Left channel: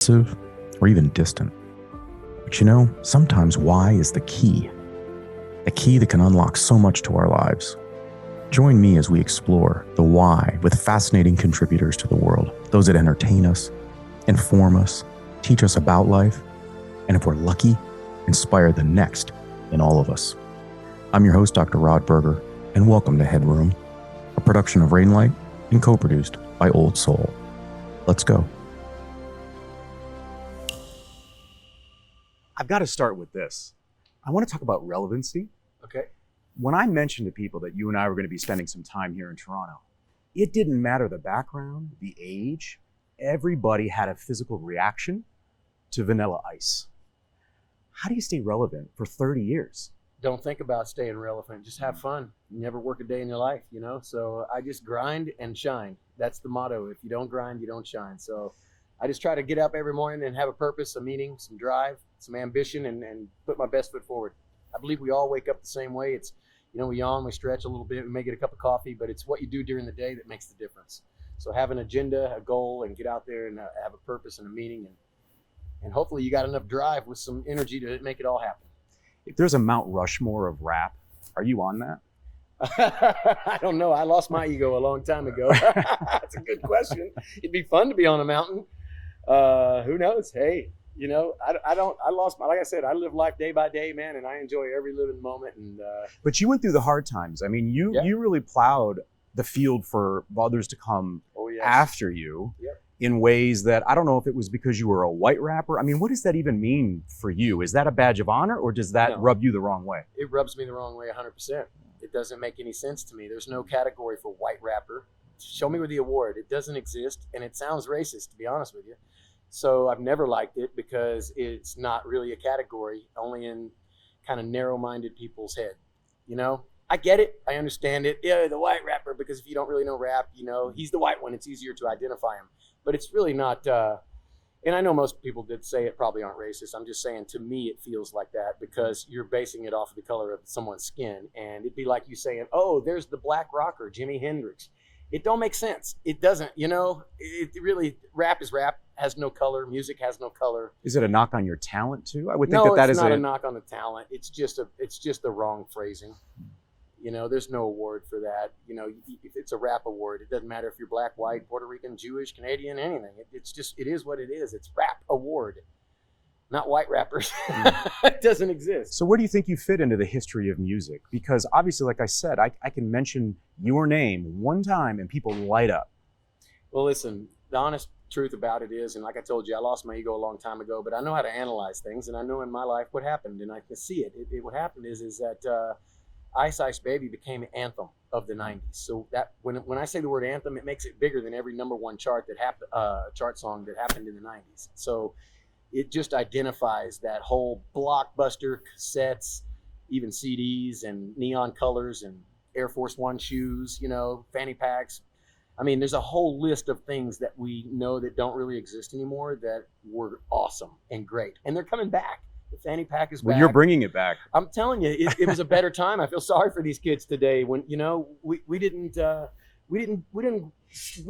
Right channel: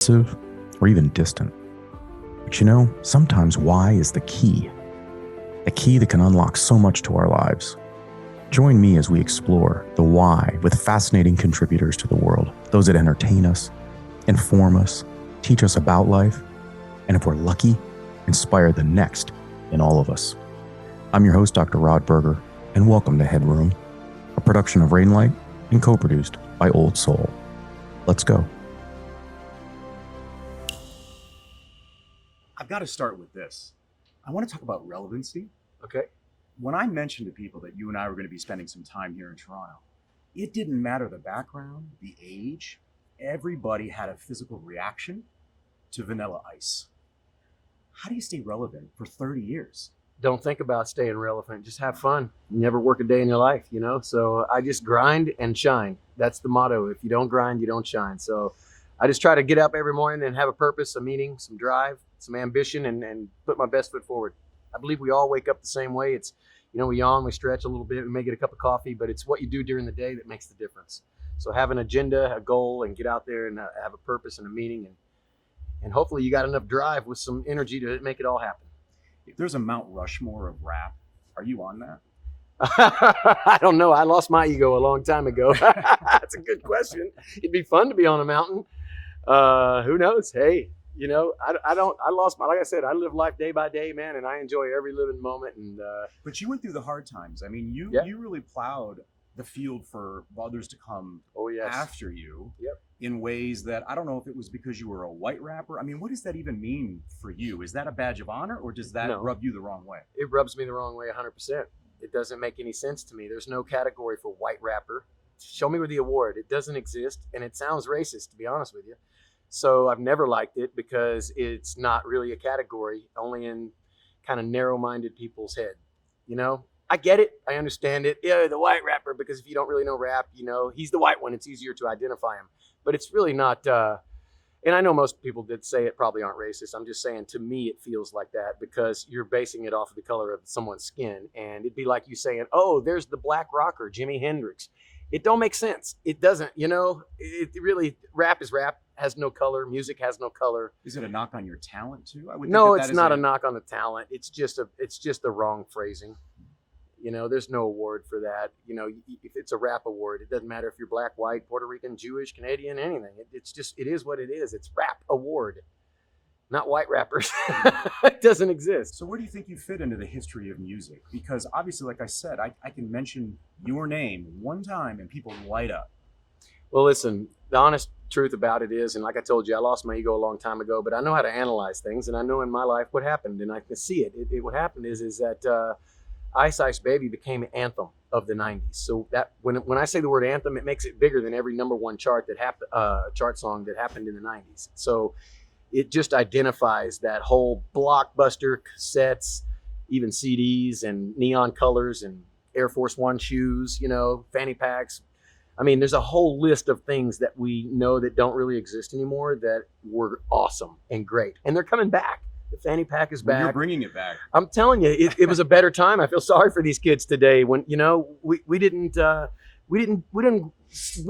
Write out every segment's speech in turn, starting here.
Passive, or even distant. But sometimes why is the key. The key that can unlock so much to our lives. Join me as we explore the why with fascinating contributors to the world, those that entertain us, inform us, teach us about life, and if we're lucky, inspire the next in all of us. I'm your host, Dr. Rod Berger, and welcome to HeadRoom, a production of Rainlight and co-produced by Old Soul. Let's go. I've got to start with this. I want to talk about relevancy. Okay. When I mentioned to people that you and I were going to be spending some time here in Toronto, it didn't matter the background, the age. Everybody had a physical reaction to Vanilla Ice. How do you stay relevant for 30 years? Don't think about staying relevant. Just have fun. You never work a day in your life, So I just grind and shine. That's the motto. If you don't grind, you don't shine. So I just try to get up every morning and have a purpose, a meaning, some drive, some ambition, and put my best foot forward. I believe we all wake up the same way. It's, we yawn, we stretch a little bit, we may get a cup of coffee, but it's what you do during the day that makes the difference. So have an agenda, a goal, and get out there and have a purpose and a meaning. And hopefully you got enough drive with some energy to make it all happen. If there's a Mount Rushmore of rap, are you on that? I don't know. I lost my ego a long time ago. That's a good question. It'd be fun to be on a mountain. Who knows? Hey, like I said, I live life day by day, man, and I enjoy every living moment. But you went through the hard times. I mean, you really plowed the field for others to come after you in ways that I don't know if it was because you were a white rapper. I mean, what does that even mean for you? Is that a badge of honor, or does that rub you the wrong way? It rubs me the wrong way 100%. It doesn't make any sense to me. There's no category for white rapper. Show me where the award. It doesn't exist, and it sounds racist, to be honest with you. So I've never liked it because it's not really a category, only in kind of narrow-minded people's head. I get it. I understand it. Yeah, the white rapper, because if you don't really know rap, he's the white one. It's easier to identify him. But it's really not, and I know most people that say it probably aren't racist. I'm just saying, to me, it feels like that because you're basing it off of the color of someone's skin. And it'd be like you saying, oh, there's the black rocker, Jimi Hendrix. It don't make sense. It doesn't, it really, rap is rap, has no color. Music has no color. Is it a knock on your talent too? I would think no, that it's not a knock on the talent. It's just the wrong phrasing. There's no award for that. If it's a rap award, it doesn't matter if you're black, white, Puerto Rican, Jewish, Canadian, anything. It is what it is. It's rap award, not white rappers. It doesn't exist. So where do you think you fit into the history of music? Because obviously, like I said, I can mention your name one time and people light up. Well, listen, the honest truth about it is, and like I told you, I lost my ego a long time ago, but I know how to analyze things, and I know in my life what happened, and I can see it. What happened is that Ice Ice Baby became an anthem of the 90s. So that when I say the word anthem, it makes it bigger than every number one chart song that happened in the 90s. So it just identifies that whole blockbuster cassettes, even CDs and neon colors and Air Force One shoes, fanny packs. I mean, there's a whole list of things that we know that don't really exist anymore that were awesome and great. And they're coming back. The fanny pack is back. Well, you're bringing it back. I'm telling you, it was a better time. I feel sorry for these kids today when, we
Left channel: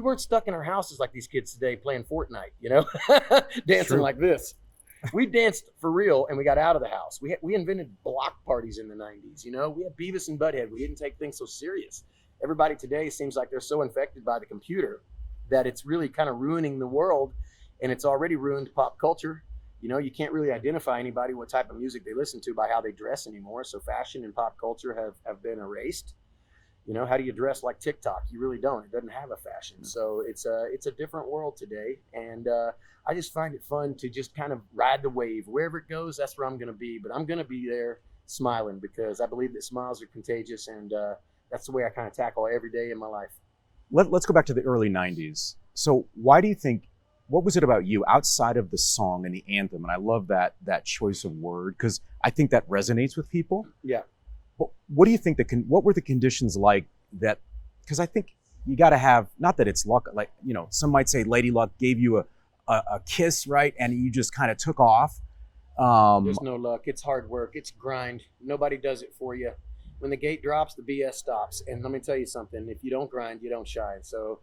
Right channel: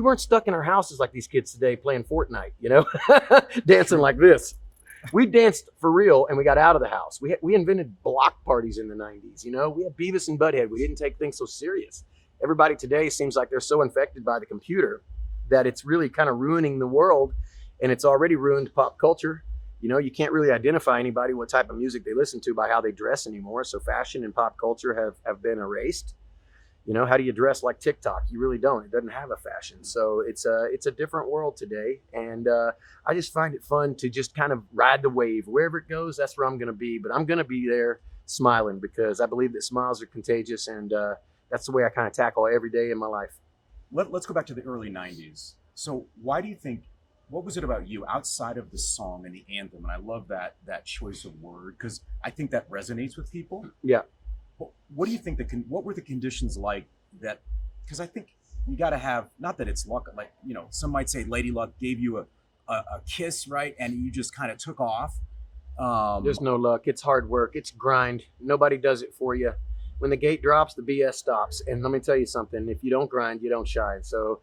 weren't stuck in our houses like these kids today playing Fortnite, dancing like this. We danced for real and we got out of the house. We invented block parties in the 90s, We had Beavis and Butthead. We didn't take things so serious. Everybody today seems like they're so infected by the computer that it's really kind of ruining the world, and it's already ruined pop culture. You can't really identify anybody what type of music they listen to by how they dress anymore. So fashion and pop culture have been erased. How do you dress like TikTok? You really don't. It doesn't have a fashion. So it's a different world today. And I just find it fun to just kind of ride the wave. Wherever it goes, that's where I'm going to be. But I'm going to be there smiling because I believe that smiles are contagious. And that's the way I kind of tackle every day in my life. Let's go back to the early 90s. So why do you think, what was it about you outside of the song and the anthem? And I love that choice of word because I think that resonates with people. Yeah. But what do you think what were the conditions like that? Because I think you got to have, not that it's luck, like, some might say Lady Luck gave you a kiss, right? And you just kind of took off. There's no luck. It's hard work. It's grind. Nobody does it for you. When the gate drops, the BS stops. And let me tell you something. If you don't grind, you don't shine. So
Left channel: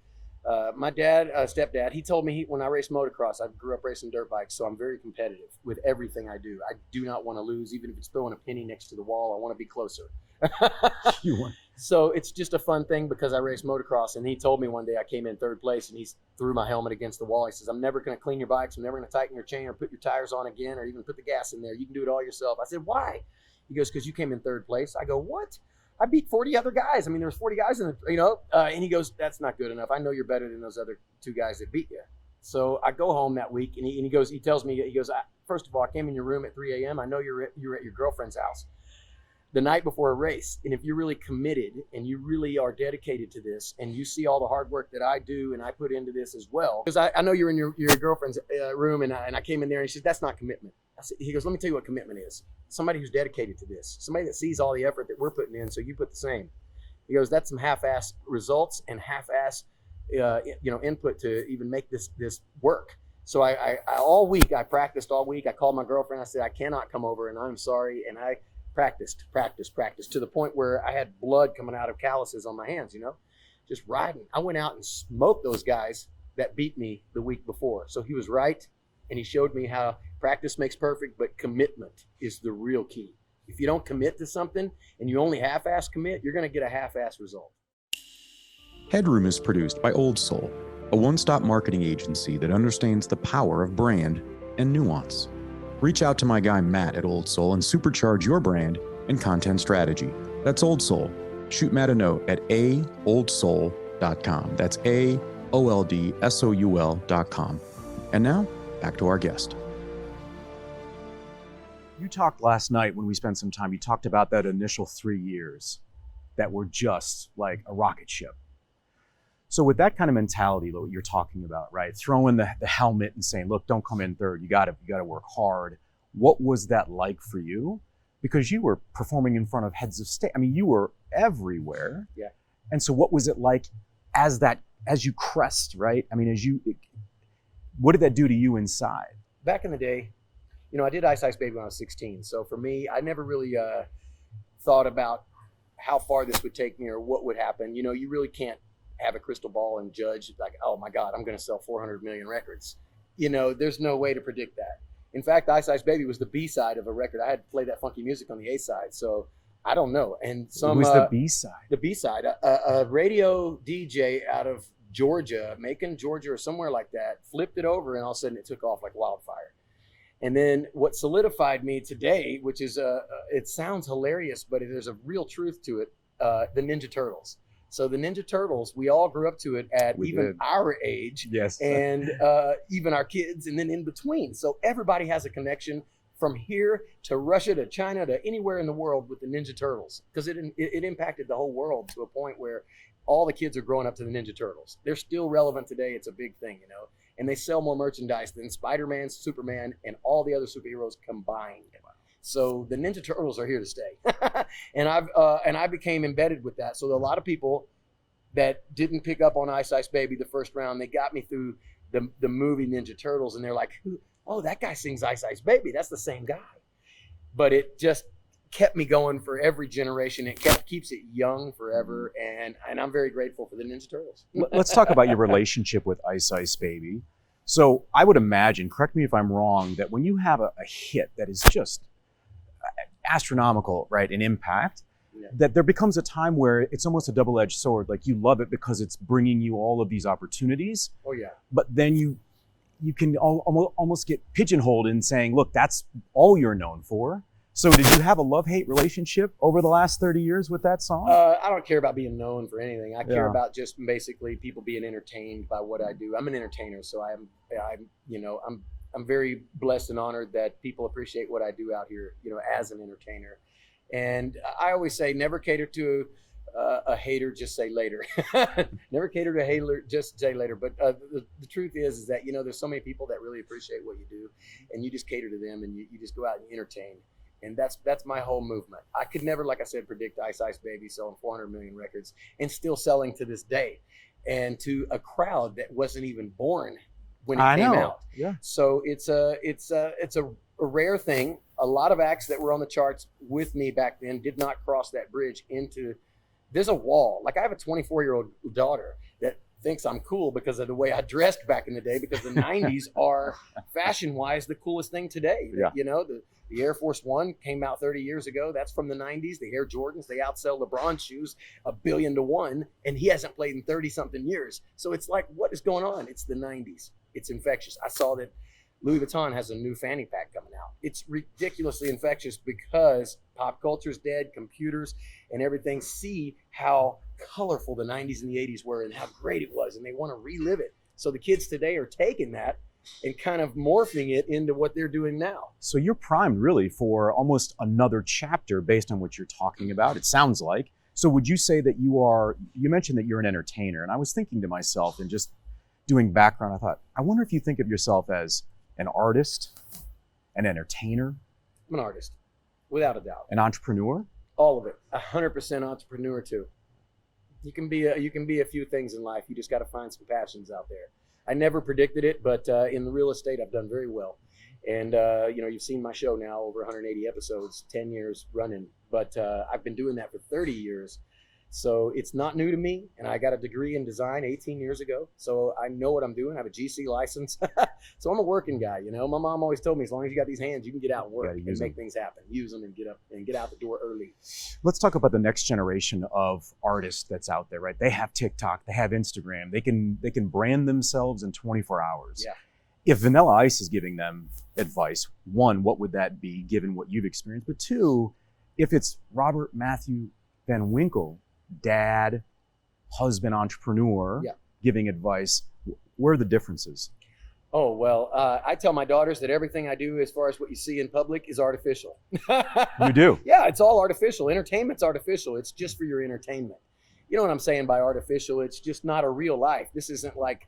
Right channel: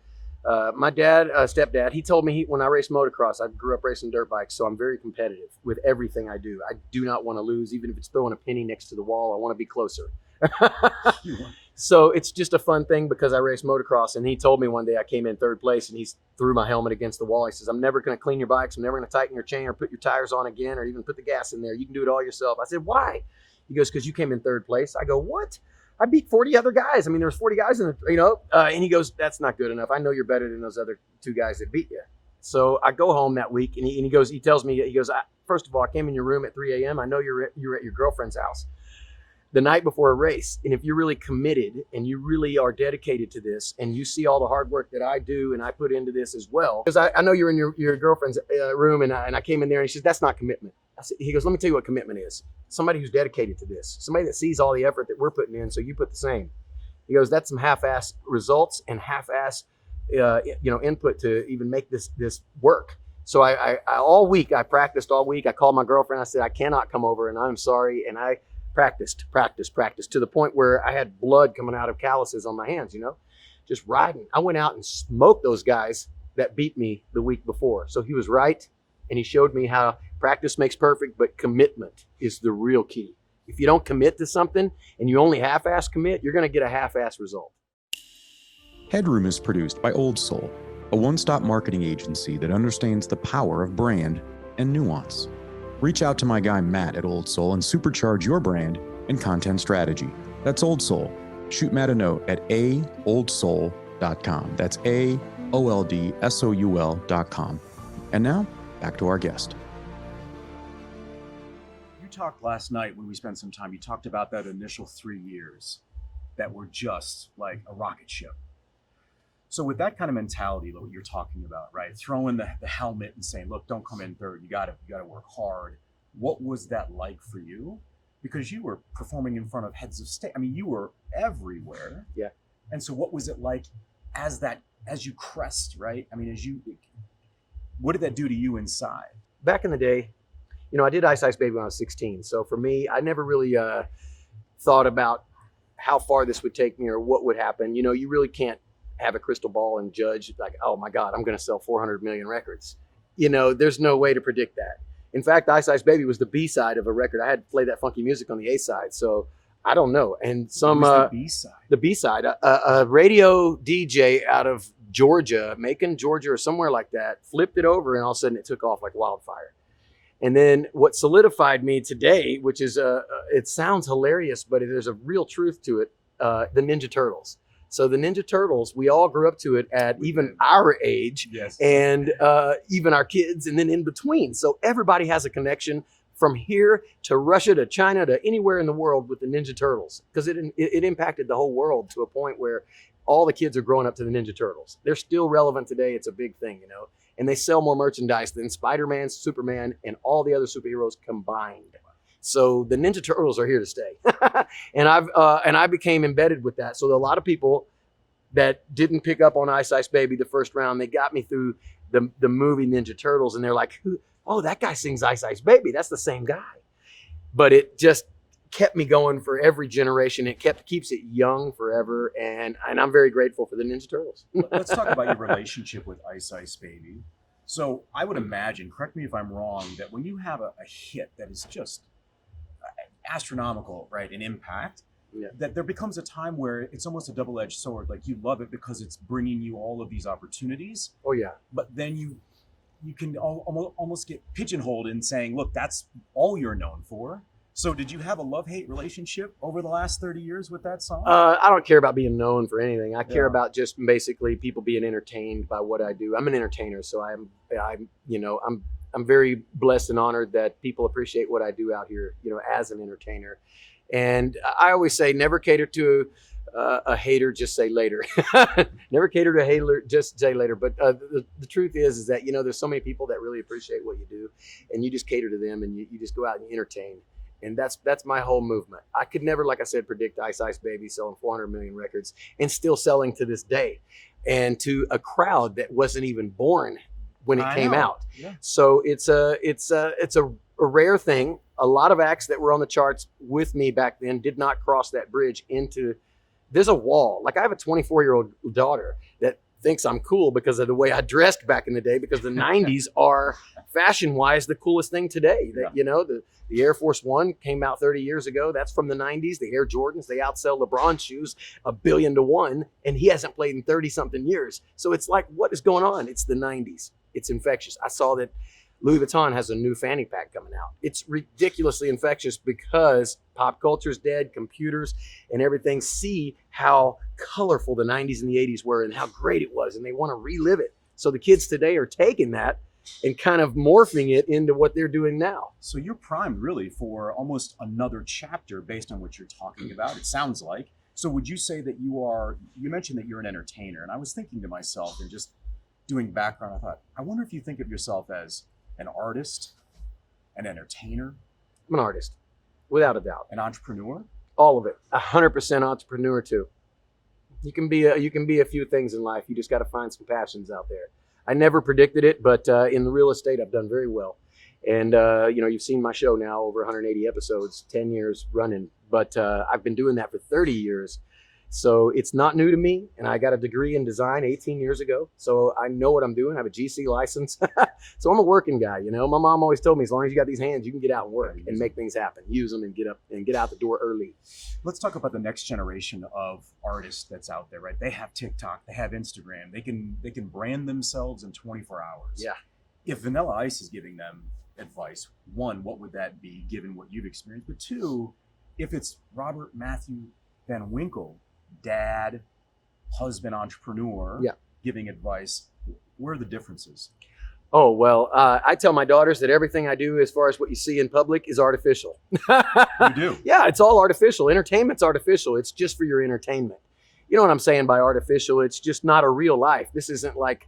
My dad, stepdad, he told me when I raced motocross, I grew up racing dirt bikes, so I'm very competitive with everything I do. I do not want to lose, even if it's throwing a penny next to the wall. I want to be closer. So it's just a fun thing because I race motocross. And he told me one day I came in third place and he threw my helmet against the wall. He says, I'm never going to clean your bikes. I'm never going to tighten your chain or put your tires on again or even put the gas in there. You can do it all yourself. I said, why? He goes, because you came in third place. I go, what? I beat 40 other guys. I mean, there was 40 guys in the, and he goes, that's not good enough. I know you're better than those other 2 guys that beat you. So I go home that week and he tells me, first of all, I came in your room at 3 a.m. I know you're at your girlfriend's house the night before a race. And if you're really committed and you really are dedicated to this and you see all the hard work that I do and I put into this as well, because I know you're in your girlfriend's room and I came in there and he says, that's not commitment. He goes, let me tell you what commitment is. Somebody who's dedicated to this, somebody that sees all the effort that we're putting in, so you put the same. He goes, that's some half-ass results and half-ass input to even make this work. So I all week, I practiced all week. I called my girlfriend. I said, I cannot come over and I'm sorry. And I practiced to the point where I had blood coming out of calluses on my hands, just riding. I went out and smoked those guys that beat me the week before. So he was right. And he showed me how practice makes perfect, but commitment is the real key. If you don't commit to something and you only half-ass commit, you're going to get a half-ass result. HeadRoom is produced by Old Soul, a one-stop marketing agency that understands the power of brand and nuance. Reach out to my guy Matt at Old Soul and supercharge your brand and content strategy. That's Old Soul. Shoot Matt a note at aoldsoul.com. That's AOLDSOUL.com. And now, back to our guest. You talked last night when we spent some time, you talked about that initial 3 years that were just like a rocket ship. So with that kind of mentality that you're talking about, right? Throwing the helmet and saying, look, don't come in third. You gotta work hard. What was that like for you? Because you were performing in front of heads of state. I mean, you were everywhere. Yeah. And so what was it like as you crest, right? I mean, what did that do to you inside? Back in the day, I did Ice Ice Baby when I was 16. So for me, I never really thought about how far this would take me or what would happen. You really can't have a crystal ball and judge like, oh my God, I'm going to sell 400 million records. There's no way to predict that. In fact, Ice Ice Baby was the B-side of a record. I had to play that funky music on the A-side. So I don't know. And what was the B-side? The B-side, a radio DJ out of Georgia, Macon, Georgia, or somewhere like that, flipped it over and all of a sudden it took off like wildfire. And then what solidified me today, which is, it sounds hilarious, but there's a real truth to it, the Ninja Turtles. So the Ninja Turtles, we all grew up to it at our age, yes, and even our kids, and then in between. So everybody has a connection from here to Russia to China to anywhere in the world with the Ninja Turtles, because it impacted the whole world to a point where all the kids are growing up to the Ninja Turtles. They're still relevant today. It's a big thing, and they sell more merchandise than Spider-Man, Superman, and all the other superheroes combined. So the Ninja Turtles are here to stay. and I became embedded with that. So a lot of people that didn't pick up on Ice Ice Baby the first round, they got me through the movie Ninja Turtles, and they're like, oh, that guy sings Ice Ice Baby. That's the same guy. But it just kept me going for every generation. It keeps it young forever, and I'm very grateful for the Ninja Turtles. Let's talk about your relationship with Ice Ice Baby. So I would imagine, correct me if I'm wrong, that when you have a hit that is just astronomical, right, in impact, yeah, that there becomes a time where it's almost a double-edged sword. Like, you love it because it's bringing you all of these opportunities. Oh yeah. But then you can almost get pigeonholed in saying, look, that's all you're known for. So did you have a love-hate relationship over the last 30 years with that song? I don't care about being known for anything. I care about just basically people being entertained by what I do. I'm an entertainer, so I'm very blessed and honored that people appreciate what I do out here, as an entertainer. And I always say, never cater to a hater, just say later. Never cater to a hater, just say later. But the truth is that, there's so many people that really appreciate what you do, and you just cater to them, and you just go out and entertain. And that's my whole movement. I could never, like I said, predict Ice Ice Baby selling 400 million records and still selling to this day, and to a crowd that wasn't even born when it came out. Yeah. So it's a rare thing. A lot of acts that were on the charts with me back then did not cross that bridge into. There's a wall. Like, I have a 24-year-old daughter that thinks I'm cool because of the way I dressed back in the day, because the 90s are fashion-wise the coolest thing today. Yeah. You know, the Air Force One came out 30 years ago. That's from the 90s. The Air Jordans, they outsell LeBron shoes 1 billion to 1, and he hasn't played in 30-something years. So it's like, what is going on? It's the 90s. It's infectious. I saw that Louis Vuitton has a new fanny pack coming out. It's ridiculously infectious because pop culture's dead, computers and everything see how colorful the 90s and the 80s were and how great it was, and they want to relive it. So the kids today are taking that and kind of morphing it into what they're doing now. So you're primed really for almost another chapter based on what you're talking about, it sounds like. So would you say that you mentioned that you're an entertainer, and I was thinking to myself and just doing background, I thought, I wonder if you think of yourself as an artist, an entertainer? I'm an artist, without a doubt. An entrepreneur? All of it. 100% entrepreneur too. You can be a few things in life. You just got to find some passions out there. I never predicted it, but in the real estate, I've done very well. And you've seen my show now, over 180 episodes, 10 years running. But I've been doing that for 30 years. So it's not new to me, and I got a degree in design 18 years ago, so I know what I'm doing. I have a GC license, so I'm a working guy. You know, my mom always told me, as long as you got these hands, you can get out and work and make things happen. Use them and get out the door early. Let's talk about the next generation of artists that's out there, right? They have TikTok, they have Instagram, they can brand themselves in 24 hours. Yeah. If Vanilla Ice is giving them advice, one, what would that be, given what you've experienced? But two, if it's Robert Matthew Van Winkle, dad, husband, entrepreneur, giving advice, where are the differences? Oh, well, I tell my daughters that everything I do, as far as what you see in public, is artificial. You do? Yeah, it's all artificial. Entertainment's artificial. It's just for your entertainment. You know what I'm saying by artificial? It's just not a real life. This isn't like,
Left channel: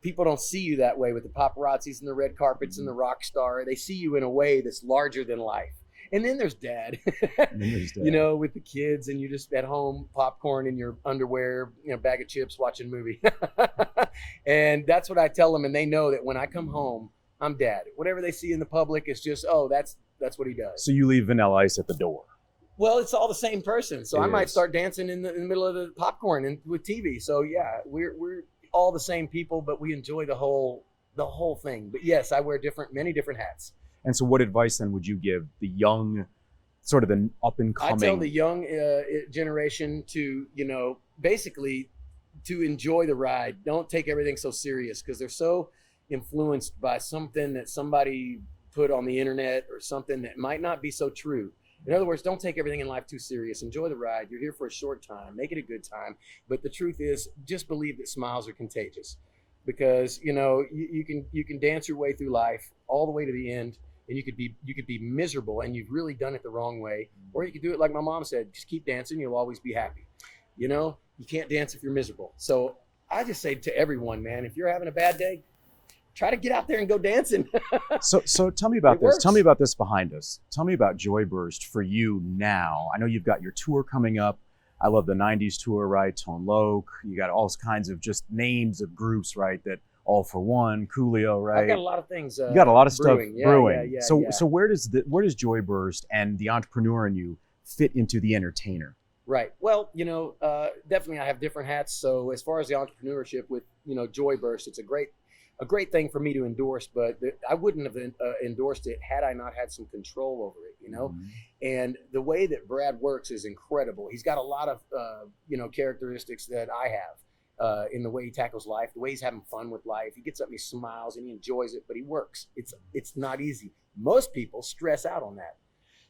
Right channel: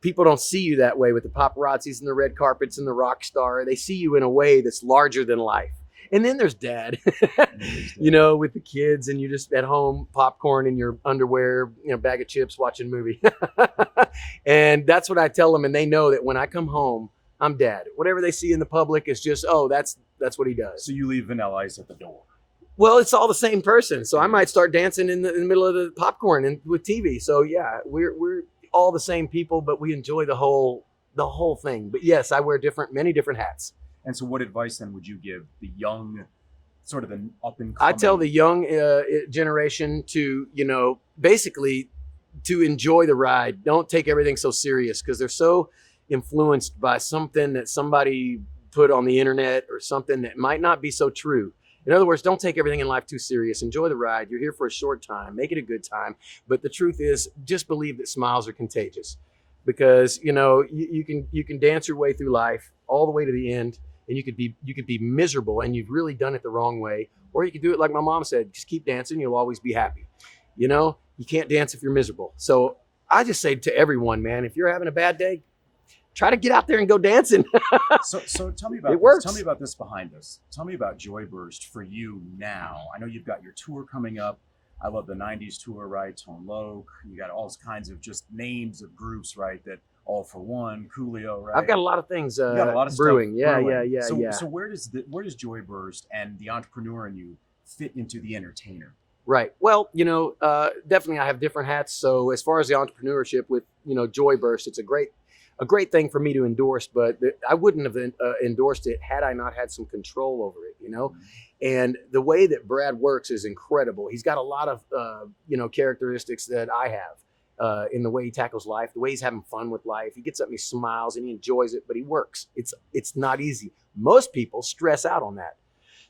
people don't see you that way with the paparazzis and the red carpets and the rock star. They see you in a way that's larger than life. And then there's dad, you know, with the kids, and you're just at home, popcorn in your underwear, bag of chips, watching a movie. And that's what I tell them. And they know that when I come home, I'm dad. Whatever they see in the public is just, oh, that's what he does. So you leave Vanilla Ice at the door. Well, it's all the same person. So I might start dancing in the middle of the popcorn and with TV. So yeah, we're all the same people, but we enjoy the whole thing. But yes, I wear many different hats. And so what advice then would you give the young, sort of the up and coming? I tell the young generation to, basically to enjoy the ride. Don't take everything so serious, because they're so influenced by something that somebody put on the internet or something that might not be so true. In other words, don't take everything in life too serious. Enjoy the ride. You're here for a short time. Make it a good time. But the truth is, just believe that smiles are contagious, because, you can dance your way through life all the way to the end. And you could be miserable and you've really done it the wrong way. Or you could do it like my mom said, just keep dancing, you'll always be happy. You can't dance if you're miserable. So I just say to everyone, man, if you're having a bad day, try to get out there and go dancing. So tell me about this. Works. Tell me about this behind us. Tell me about Joyburst for you now. I know you've got your tour coming up. I love the 90s tour, right? Tone Loc. You got all kinds of just names of groups, right? That All for One, Coolio, right? I've got a lot of things. You got a lot of brewing. stuff brewing. Yeah. So where does Joyburst and the entrepreneur in you fit into the entertainer? Right. Well, definitely I have different hats. So as far as the entrepreneurship with, Joyburst, it's a great thing for me to endorse, but I wouldn't have endorsed it had I not had some control over it, Mm-hmm. And the way that Brad works is incredible. He's got a lot of, characteristics that I have. In the way he tackles life, the way he's having fun with life. He gets up and he smiles and he enjoys it, but he works. It's not easy. Most people stress out on that.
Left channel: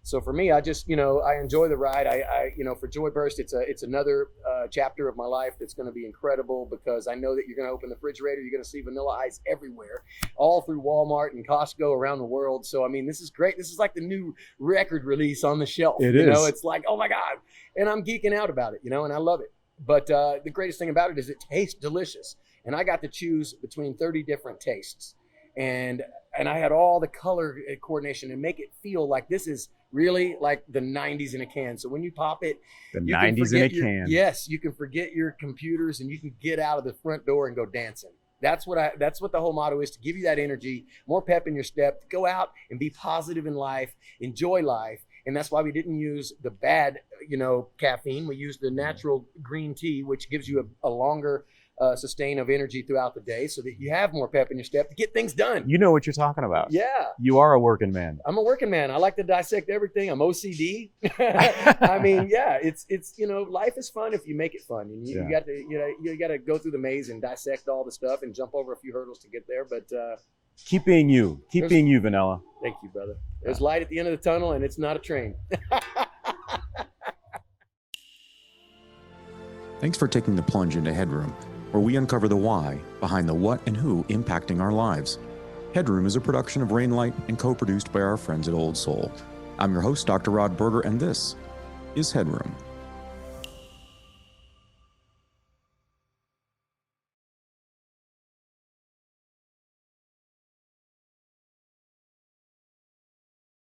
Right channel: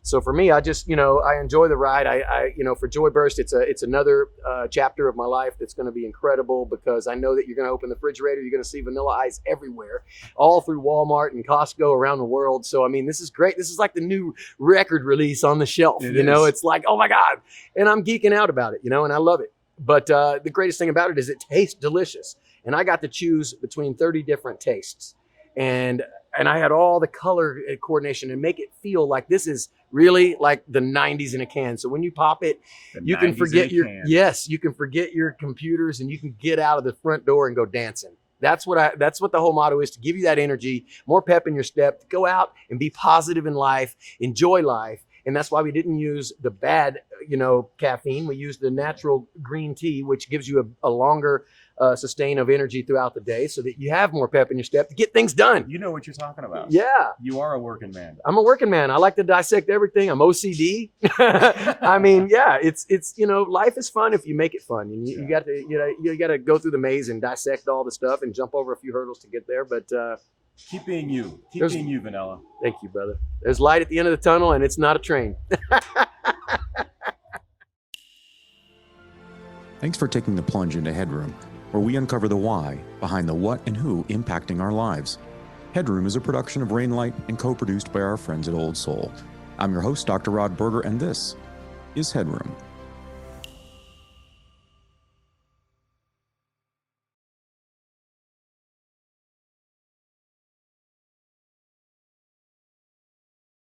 So for me, I just, I enjoy the ride. I for Joyburst, it's another chapter of my life that's going to be incredible, because I know that you're going to open the refrigerator, you're going to see Vanilla Ice everywhere, all through Walmart and Costco around the world. So, I mean, this is great. This is like the new record release on the shelf. It's like, oh my God. And I'm geeking out about it, and I love it. But the greatest thing about it is it tastes delicious. And I got to choose between 30 different tastes. And I had all the color coordination and make it feel like this is really like the 90s in a can. So when you pop it, you can forget you can forget your computers and you can get out of the front door and go dancing. That's what the whole motto is, to give you that energy, more pep in your step, to go out and be positive in life, enjoy life. And that's why we didn't use the bad, caffeine. We used the natural green tea, which gives you a longer sustain of energy throughout the day so that you have more pep in your step to get things done. You know what you're talking about. Yeah. You are a working man. I'm a working man. I like to dissect everything. I'm OCD. I mean, yeah, it's life is fun if you make it fun. And you got to you got to go through the maze and dissect all the stuff and jump over a few hurdles to get there. But keep being you. Keep being you, Vanilla. Thank you, brother. There's light at the end of the tunnel, and it's not a train. Thanks for taking the plunge into HeadRoom, where we uncover the why behind the what and who impacting our lives. HeadRoom is a production of Rainlight and co-produced by our friends at Old Soul. I'm your host, Dr. Rod Berger, and this is HeadRoom.